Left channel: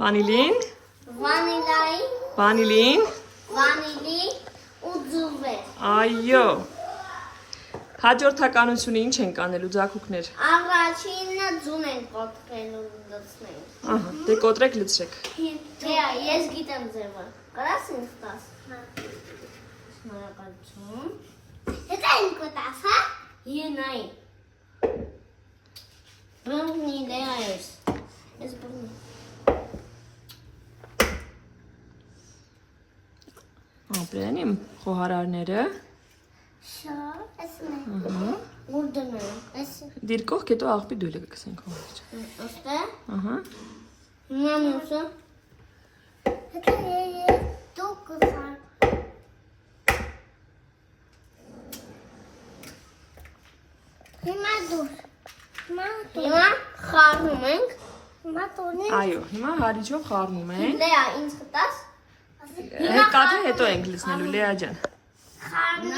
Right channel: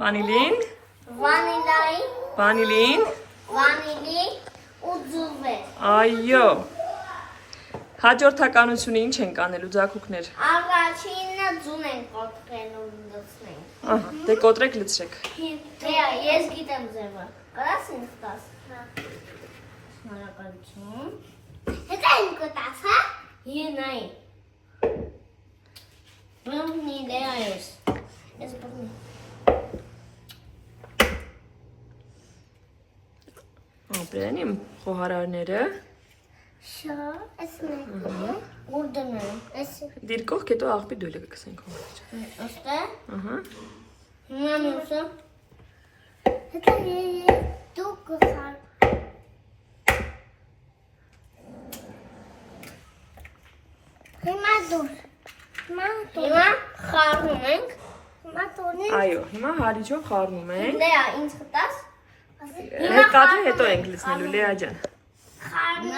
Վանիլին։ Վանիլային։ Վանիլին։ Վանիլի ու ձուլվեր։ Այո։ Հաջորդականությունը ինչ ենք անելու ձագուկներ։ Առաջինը ձուն են կոտրել ու լցնել։ Ահա, դե կոտրեք լցրեք։ Ես գիտեմ ձևը։ Կարաս ինձ տաս։ Հա։ Շնորհակալություն։ Հետո ինձ կտաս, հա։ Ենայի։ Բնի դերայես։ Ես բնի։ Ապրեն իմ խոհարարները։ Շա, ասնե։ Ահա։ Ուր դնում։ Էս։ Դիր կողք հետո աղբի դույլը կգցենք հոմիջ։ Ոստե։ Ահա։ Հիմա մյուսը։ Հետո դու կսար։ Հիմա դու։ Հիմա խառնում ենք։ Հիմա տոնենք։ Այո, հիմա հարիջով խառնում ենք։ Լեա, ինձ կտաս։ Հետո ենք լցնելու Լեա ջան։ Խառնում